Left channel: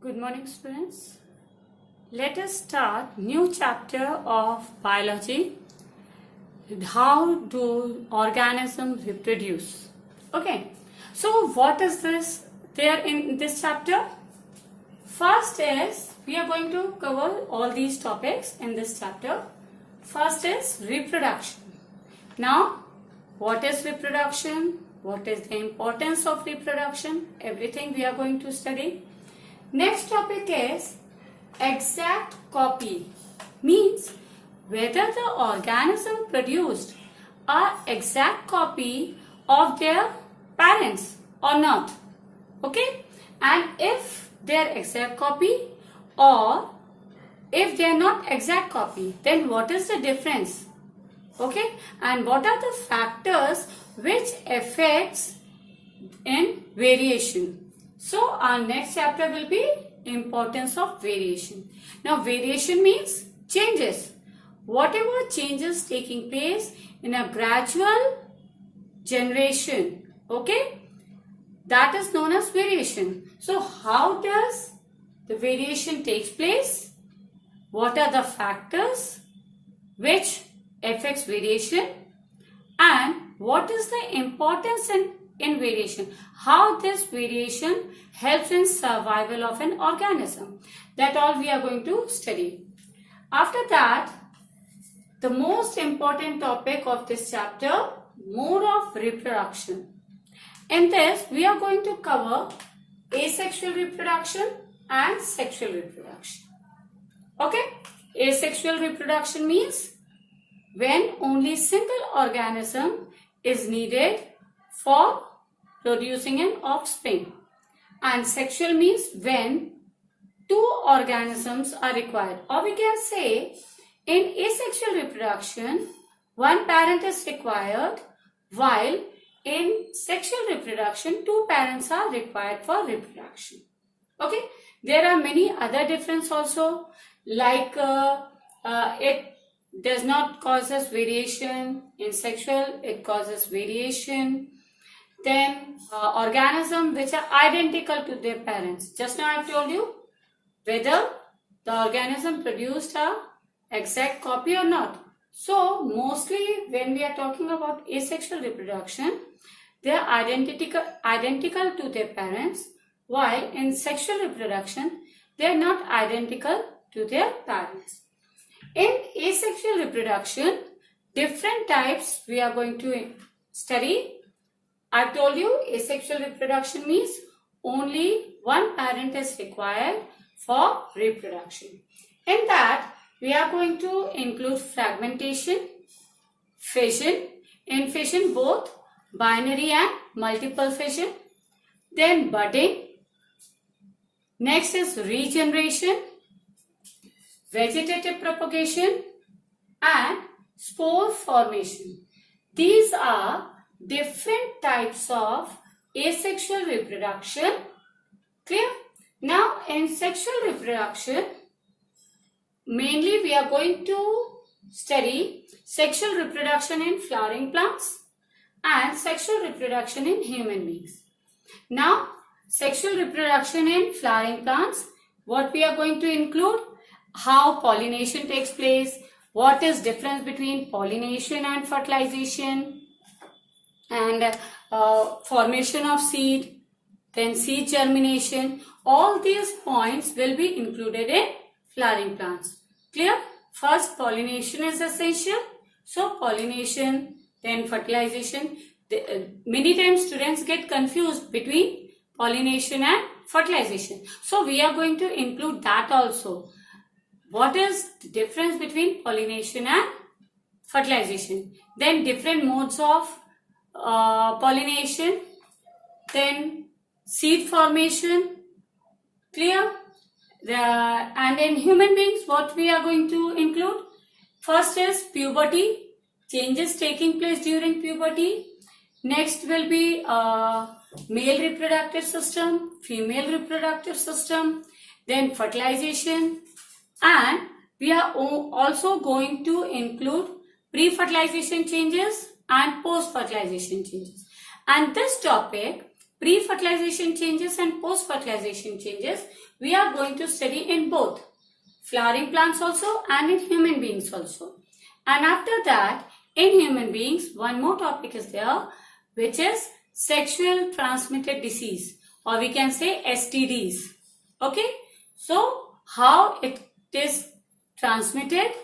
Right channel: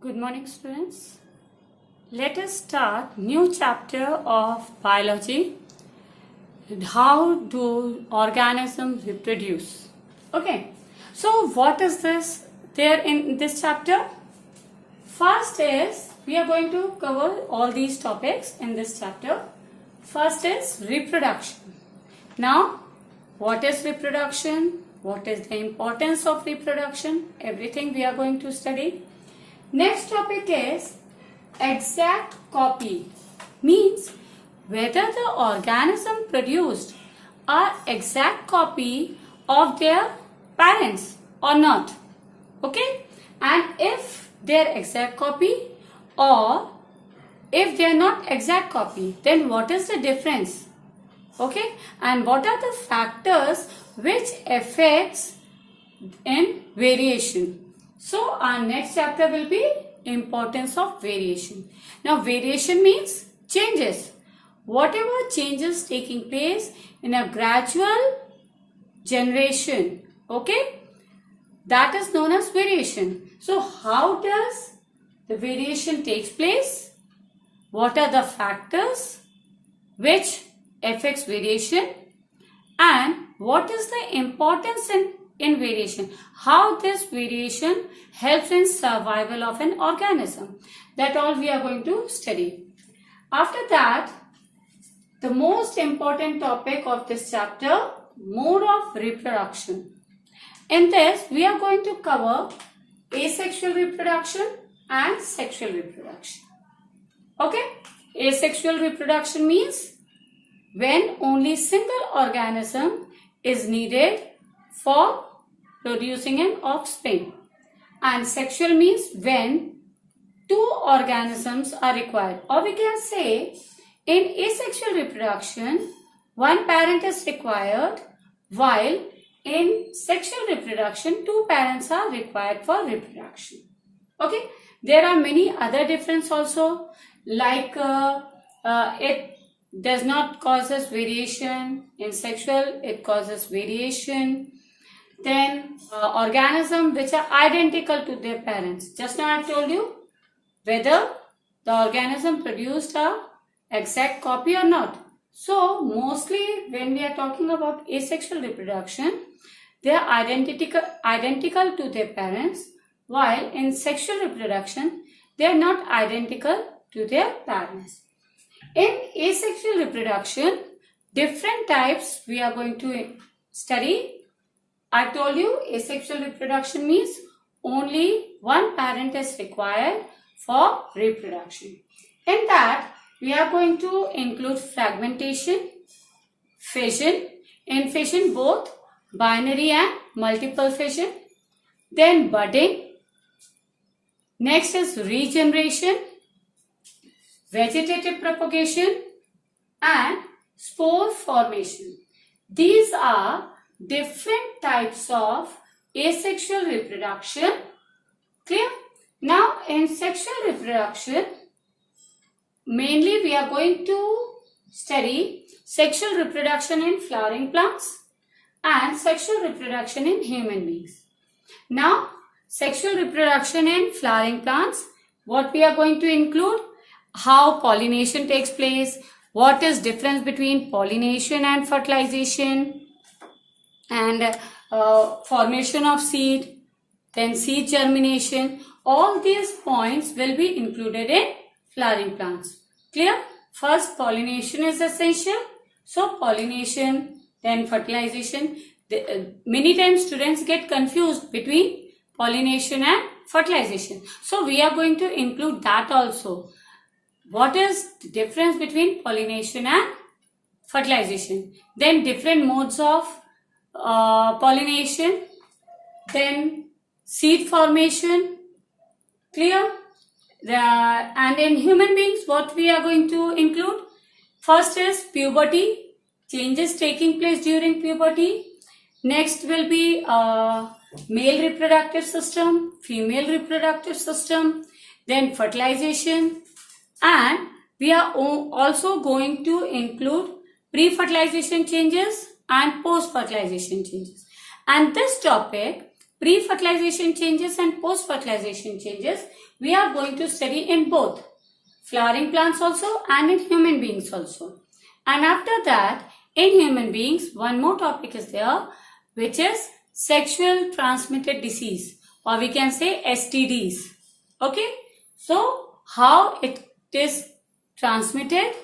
Good morning, students. Let us start new chapter of biology. How do organisms reproduce? Okay. So what is this there in this chapter? First is we are going to cover all these topics in this chapter. First is reproduction. Now, what is reproduction? What is the importance of reproduction? Everything we are going to study. Next topic is exact copy. Means whether the organism produced an exact copy of their parents or not. Okay? And if they are exact copy or if they are not exact copy, then what is the difference? Okay? And what are the factors which affects in variation? So our next chapter will be importance of variation. Now variation means changes. Whatever changes taking place in a gradual generation. Okay? That is known as variation. So how does the variation takes place? What are the factors which affects variation? And what is the importance in variation? How this variation helps in survival of an organism. That all we are going to study. After that, the most important topic of this chapter, mode of reproduction. In this, we are going to cover asexual reproduction and sexual reproduction. Okay? Asexual reproduction means when only single organism is needed for producing an offspring. And sexual means when two organisms are required. Or we can say in asexual reproduction, one parent is required, while in sexual reproduction, two parents are required for reproduction. Okay? There are many other differences also, like it does not causes variation. In sexual, it causes variation. Then organisms which are identical to their parents. Just now I have told you whether the organism produced a exact copy or not. So mostly when we are talking about asexual reproduction, they are identical to their parents, while in sexual reproduction they are not identical to their parents. In asexual reproduction, different types we are going to study. I told you asexual reproduction means only one parent is required for reproduction. In that, we are going to include fragmentation, fission. In fission, both binary and multiple fission. Then budding. Next is regeneration, vegetative propagation, and spore formation. These are different types of asexual reproduction. Clear? Now in sexual reproduction, mainly we are going to study sexual reproduction in flowering plants and sexual reproduction in human beings. Now sexual reproduction in flowering plants, what we are going to include? How pollination takes place, what is difference between pollination and fertilization, and formation of seed, then seed germination. All these points will be included in flowering plants. Clear? First, pollination is essential. So pollination, then fertilization. Many times students get confused between pollination and fertilization. So we are going to include that also. What is the difference between pollination and fertilization? Then different modes of pollination, then seed formation. Clear? And in human beings, what we are going to include? First is puberty, changes taking place during puberty. Next will be male reproductive system, female reproductive system, then fertilization, and we are also going to include pre-fertilization changes and post-fertilization changes. And this topic pre-fertilization changes and post-fertilization changes we are going to study in both flowering plants also and in human beings also. And after that, in human beings, one more topic is there, which is sexual transmitted disease, or we can say STDs. Okay, so how it is transmitted,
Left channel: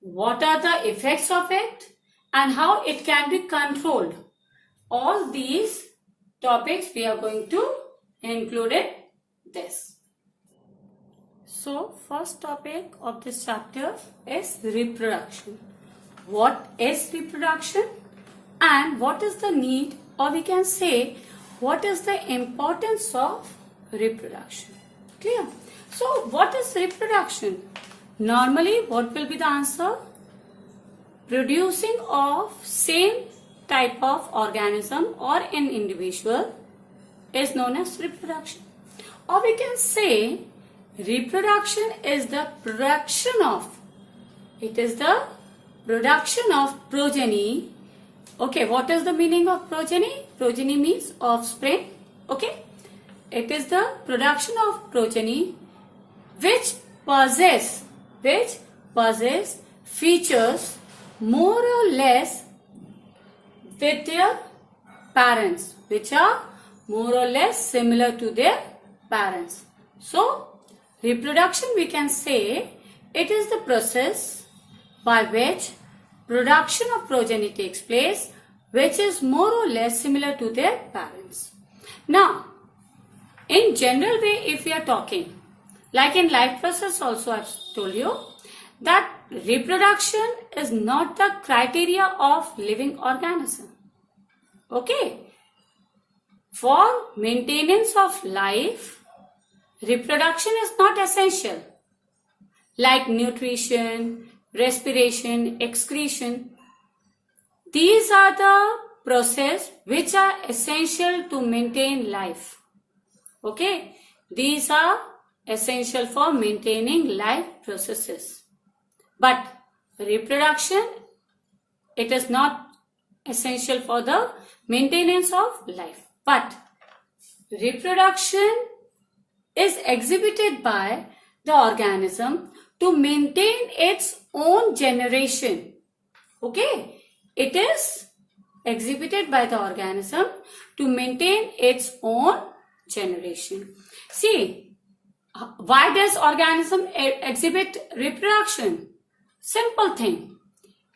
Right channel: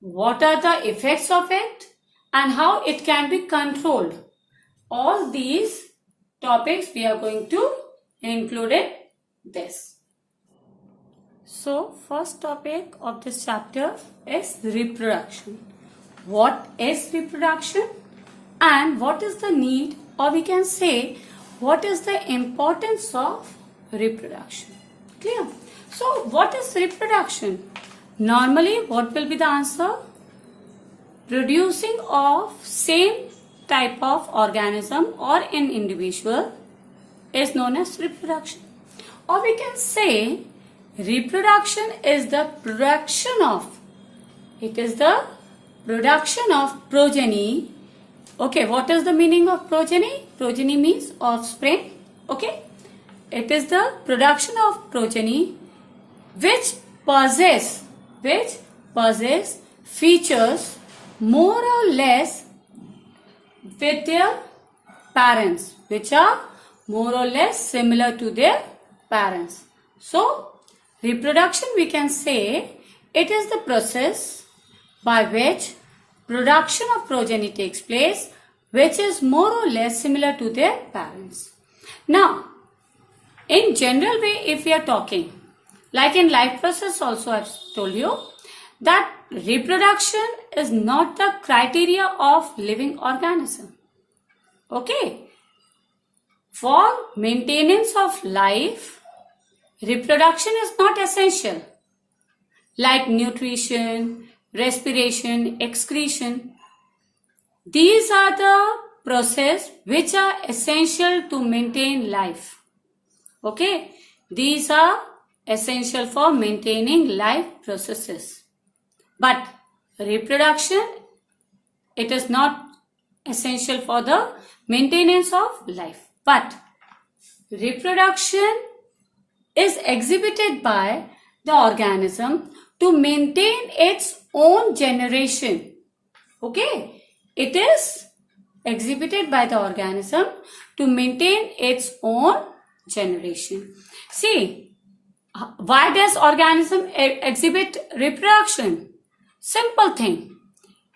what are the effects of it, and how it can be controlled. All these topics we are going to include in this. So first topic of this chapter is reproduction. What is reproduction and what is the need, or we can say what is the importance of reproduction? Clear? So what is reproduction? Normally what will be the answer? Producing of same type of organism or an individual is known as reproduction. Or we can say reproduction is the production of, it is the production of progeny. Okay, what is the meaning of progeny? Progeny means offspring. Okay, it is the production of progeny which possess features more or less with their parents, which are more or less similar to their parents. So reproduction, we can say, it is the process by which production of progeny takes place, which is more or less similar to their parents. Now, in general way, if we are talking, like in life process also I've told you, that reproduction is not the criteria of living organism. Okay? For maintenance of life, reproduction is not essential. Like nutrition, respiration, excretion. These are the processes which are essential to maintain life. Okay? These are essential for maintaining life processes. But reproduction, it is not essential for the maintenance of life. But reproduction is exhibited by the organism to maintain its own generation. Okay? It is exhibited by the organism to maintain its own generation. See, why does organism exhibit reproduction? Simple thing.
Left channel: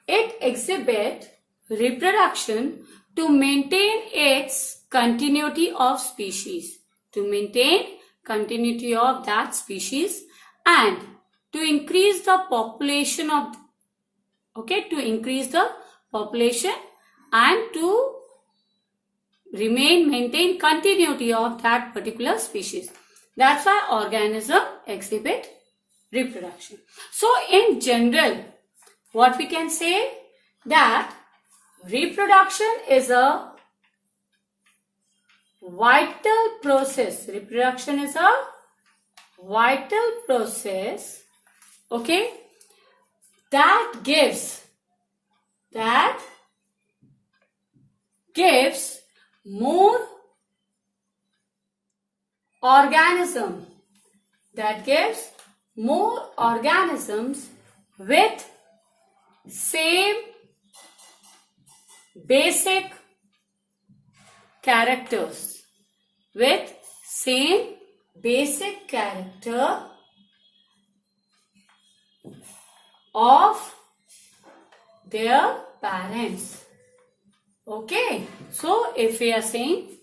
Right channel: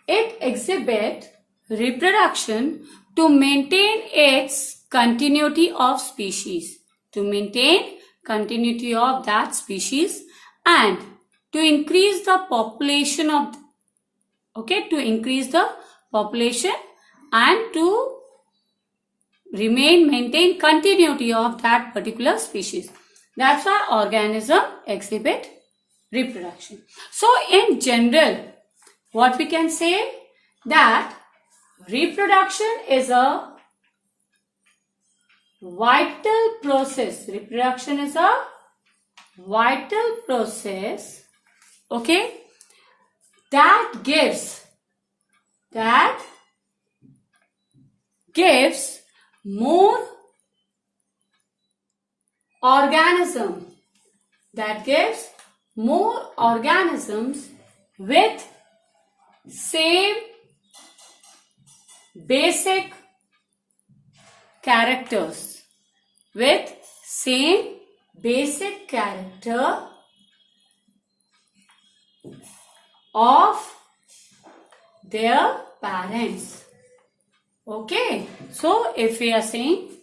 It exhibits reproduction to maintain its continuity of species. To maintain continuity of that species and to increase the population of, to increase the population and to maintain continuity of that particular species. That's why organism exhibit reproduction. So in general, what we can say, that reproduction is a vital process. Reproduction is a vital process, okay, that gives more organisms with same basic characters, with same basic character of their parents. Okay, so if we are saying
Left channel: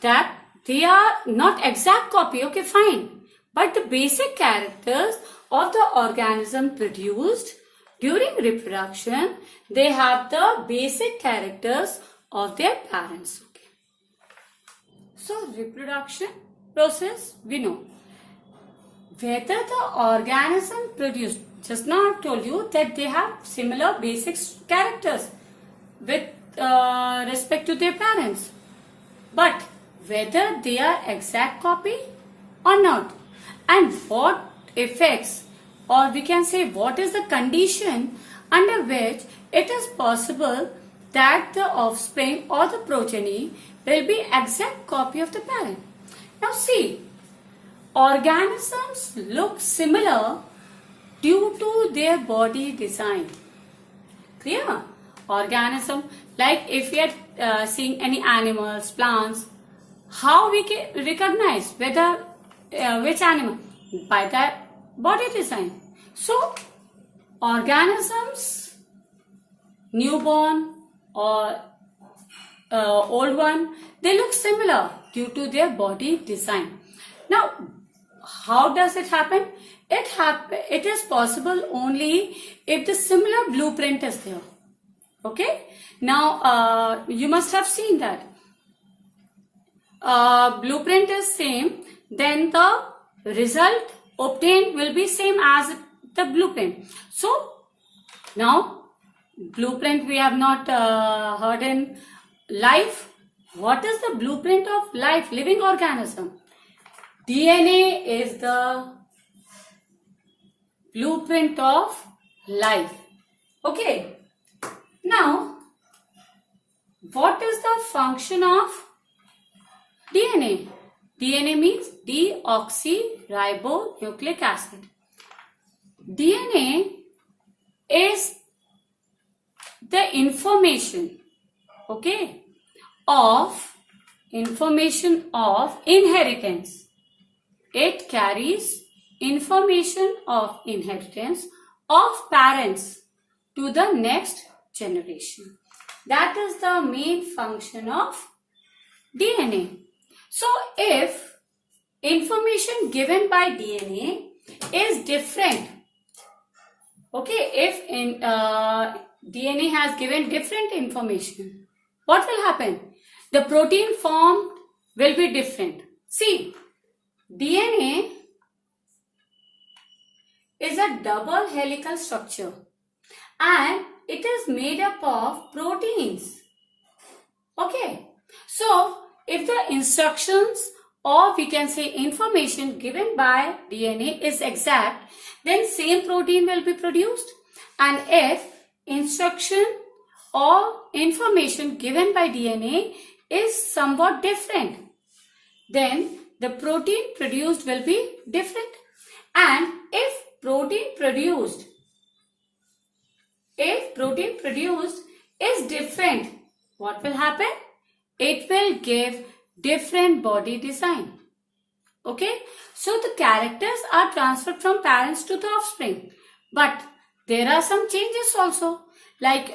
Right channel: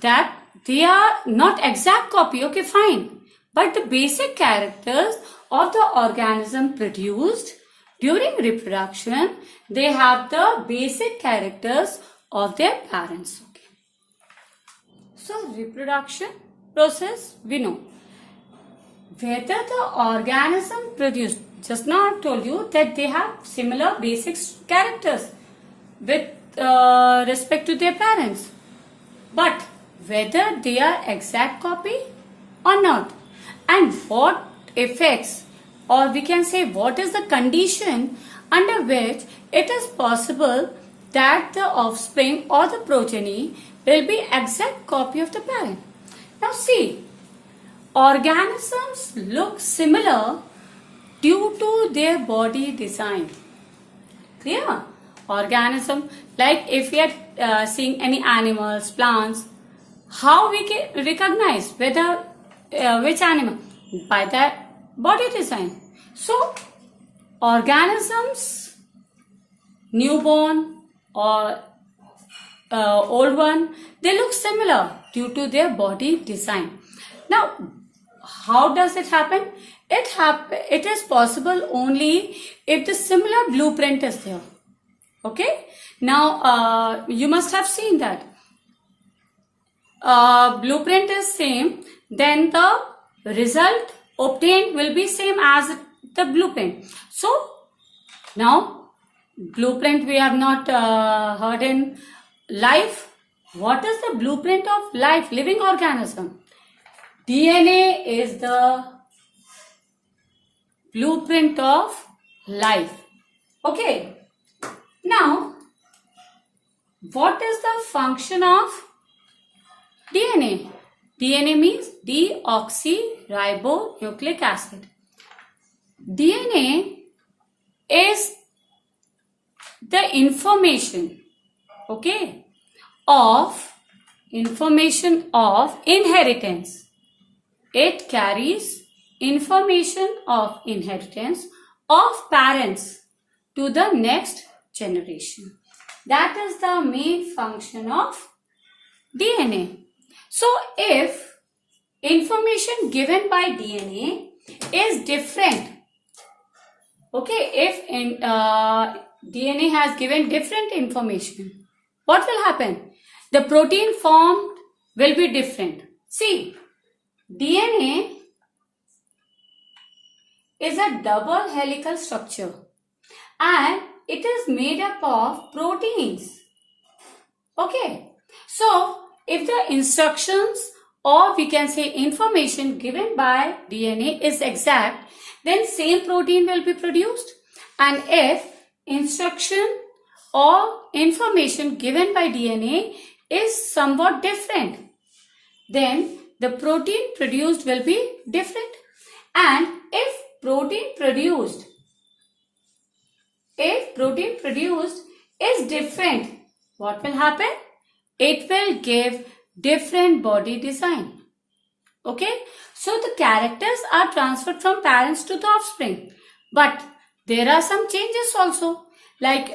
that they are not exact copy, okay, fine, but the basic characters of the organism produced during reproduction, they have the basic characters of their parents. Okay. So reproduction process, we know. Whether the organism produced, just now I told you that they have similar basic characters with respect to their parents. But whether they are exact copy or not, and what effects, or we can say what is the condition under which it is possible that the offspring or the progeny will be exact copy of the parent. Now see, organisms look similar due to their body design. Clear? Organism, like if we are seeing any animals, plants, how we can recognize whether which animal? By the body design. So, organisms, newborn or old one, they look similar due to their body design. Now, how does it happen? It is possible only if the similar blueprint is there. Okay? Now, you must have seen that. Blueprint is same, then the result obtained will be same as the blueprint. So, now, blueprint we have not heard in life. What is the blueprint of life, living organism? DNA is the blueprint of life. Okay. Now, what is the function of DNA? DNA means deoxyribonucleic acid. DNA is the information, okay, of inheritance. It carries information of inheritance of parents to the next generation. That is the main function of DNA. So, if information given by DNA is different, okay, if DNA has given different information, what will happen? The protein formed will be different. See, DNA is a double helical structure and it is made up of proteins. Okay, so if the instructions or we can say information given by DNA is exact, then same protein will be produced. And if instruction or information given by DNA is somewhat different, then the protein produced will be different. And if protein produced is different, what will happen? It will give different body design. Okay, so the characters are transferred from parents to the offspring. But there are some changes also. Like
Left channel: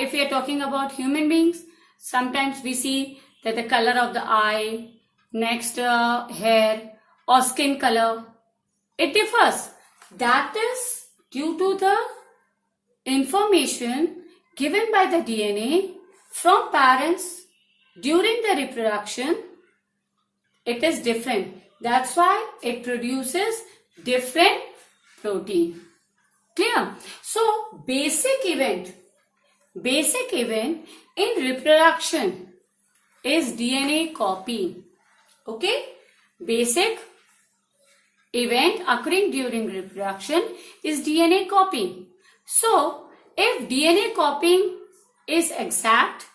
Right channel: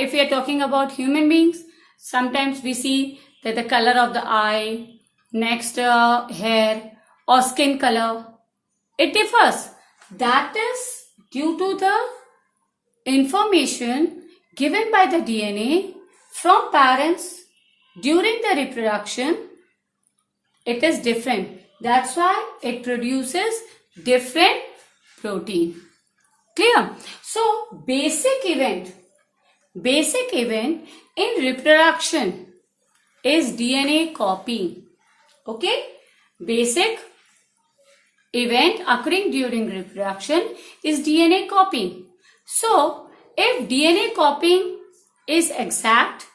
if we are talking about human beings, sometimes we see that the color of the eye, next hair or skin color, it differs. That is due to the information given by the DNA from parents during the reproduction. It is different. That's why it produces different protein. Clear? So, basic event in reproduction is DNA copying. Okay? Basic event occurring during reproduction is DNA copying. So, if DNA copying is exact,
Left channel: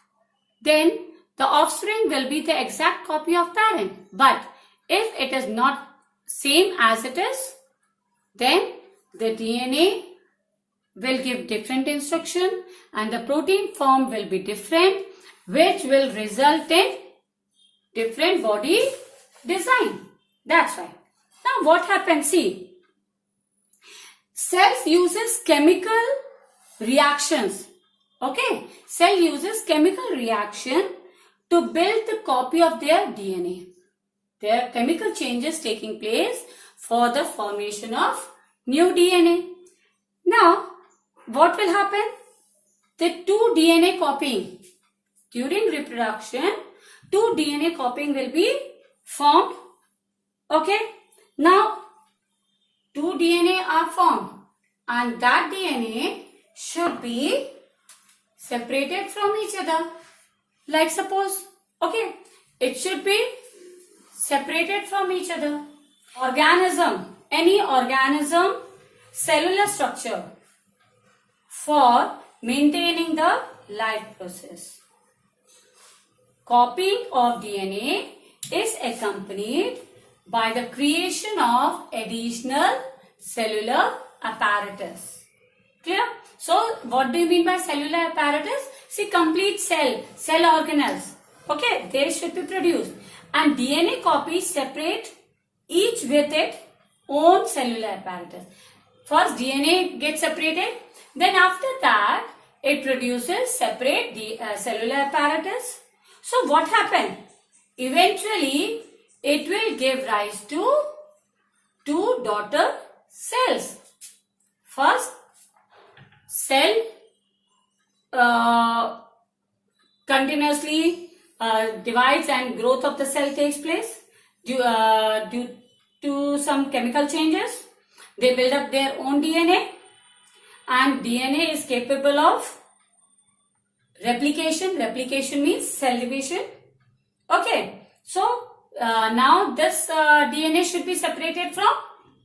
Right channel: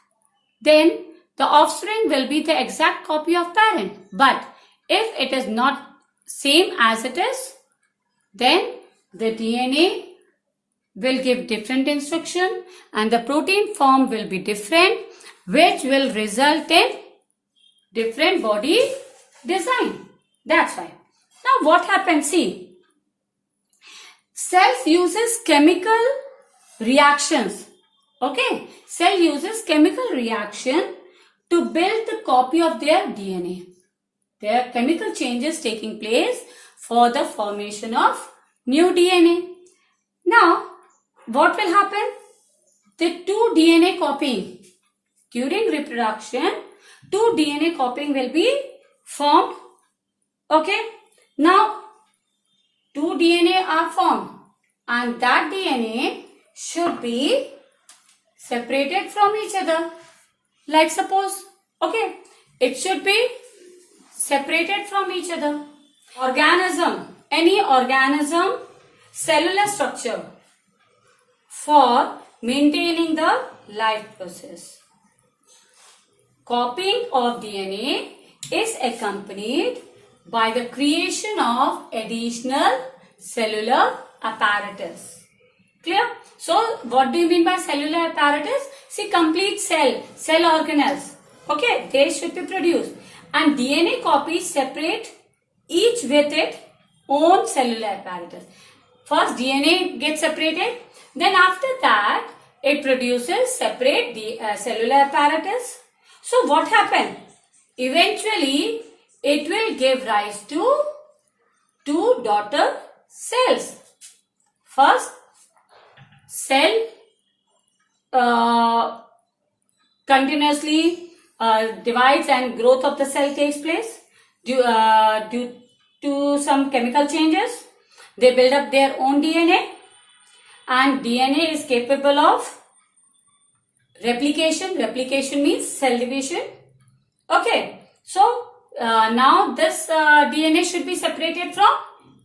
then the offspring will be the exact copy of parent. But if it is not same as it is, then the DNA will give different instruction and the protein form will be different, which will result in different body design. That's why. Now what happens? See, cells uses chemical reactions. Okay, cell uses chemical reaction to build the copy of their DNA. There are chemical changes taking place for the formation of new DNA. Now, what will happen? The two DNA copying. During reproduction, two DNA copying will be formed. Okay. Now, two DNA are formed and that DNA should be separated from each other. Like suppose, okay, it should be separated from each other. Organism, any organism, cellular structure for maintaining the life process. Copying of DNA is accompanied by the creation of additional cellular apparatus. Clear? So, what do you mean by cellular apparatus? See, complete cell organelles. Okay, they should be produced. And DNA copies separate each with its own cellular apparatus. First, DNA gets separated. Then after that, it produces separate cellular apparatus. So, what happened? Eventually, it will give rise to two daughter cells. First, cell continuously divides and growth of the cell takes place due to some chemical changes. They build up their own DNA, and DNA is capable of replication. Replication means cell division. Okay, so now this DNA should be separated from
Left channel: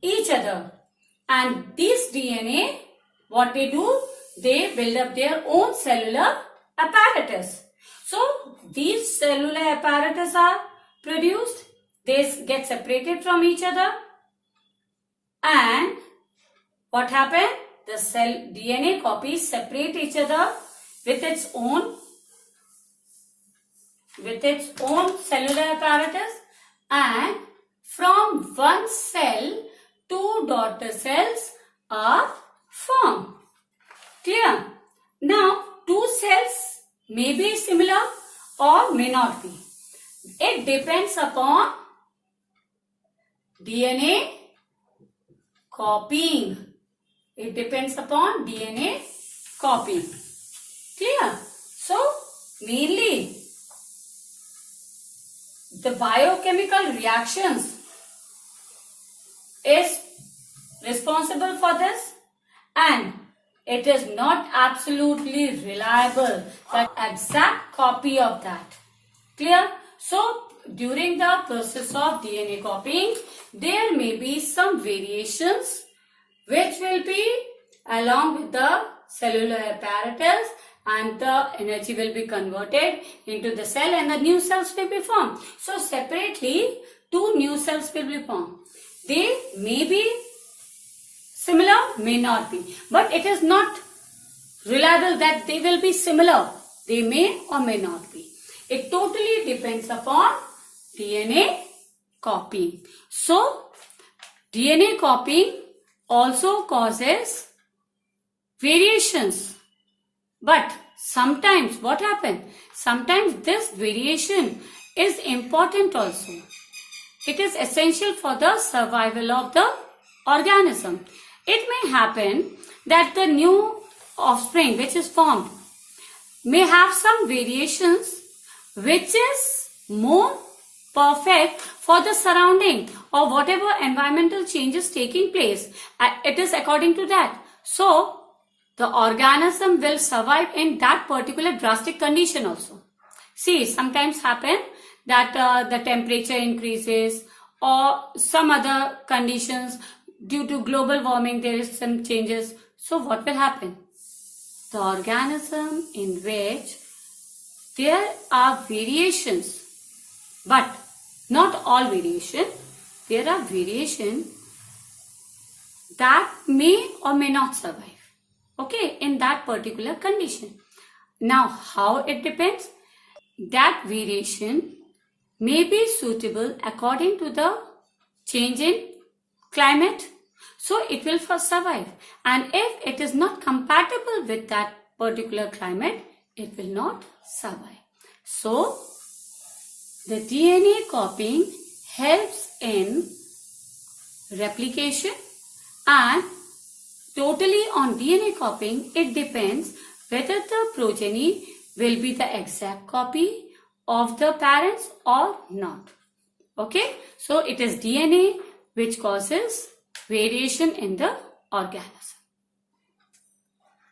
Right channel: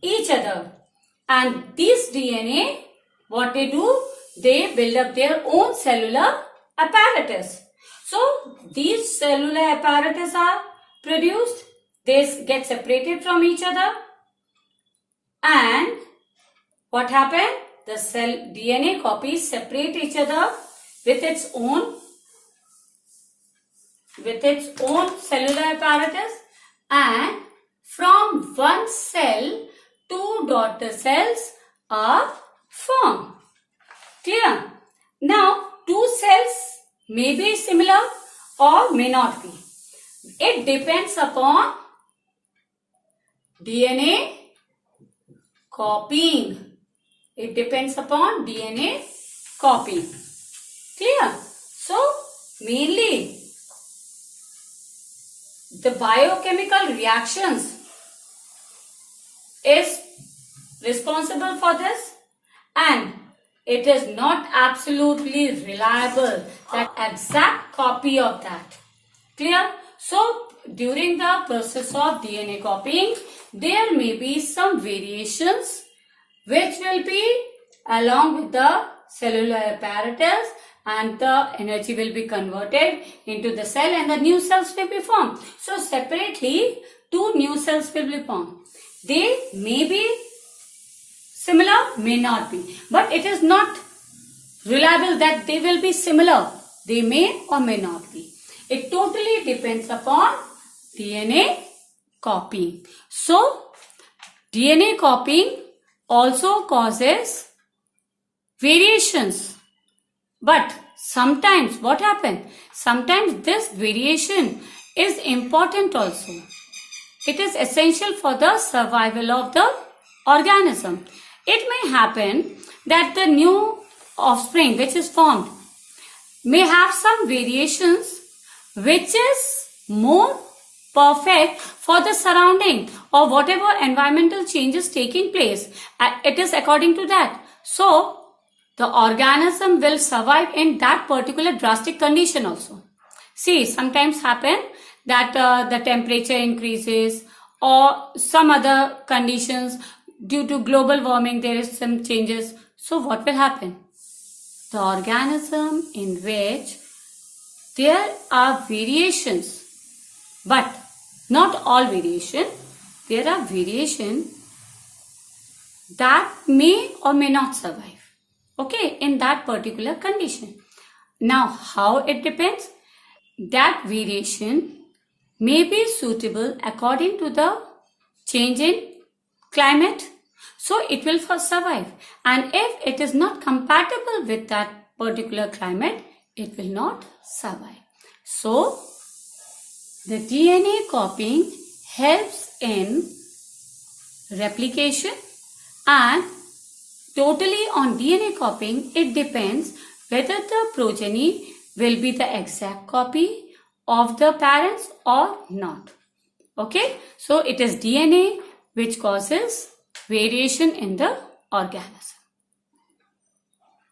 each other, and this DNA, what they do, they build up their own cellular apparatus. So these cellular apparatus are produced, they get separated from each other, and what happened? The cell DNA copies separate each other with its own cellular apparatus, and from one cell, two daughter cells are formed. Clear? Now, two cells may be similar or may not be. It depends upon DNA copying. It depends upon DNA copying. Clear? So, mainly the biochemical reactions is responsible for this, and it is not absolutely reliable, that exact copy of that. Clear? So, during the process of DNA copying, there may be some variations which will be along with the cellular apparatus, and the energy will be converted into the cell and the new cells will be formed. So, separately, two new cells will be formed. They may be similar, may not be. But it is not reliable that they will be similar. They may or may not be. It totally depends upon DNA copying. So, DNA copying also causes variations. But sometimes what happens? Sometimes this variation is important also. It is essential for the survival of the organism. It may happen that the new offspring which is formed may have some variations which is more perfect for the surrounding or whatever environmental changes taking place. It is according to that. So, the organism will survive in that particular drastic condition also. See, sometimes happen that the temperature increases or some other conditions due to global warming, there is some changes. So what will happen? The organism in which there are variations, but not all variation. There are variation that may or may not survive. Okay, in that particular condition. Now, how it depends? That variation may be suitable according to the change in climate. So, it will first survive. And if it is not compatible with that particular climate, it will not survive. So, the DNA copying helps in replication, and totally on DNA copying, it depends whether the progeny will be the exact copy of the parents or not. Okay, so it is DNA which causes variation in the organism.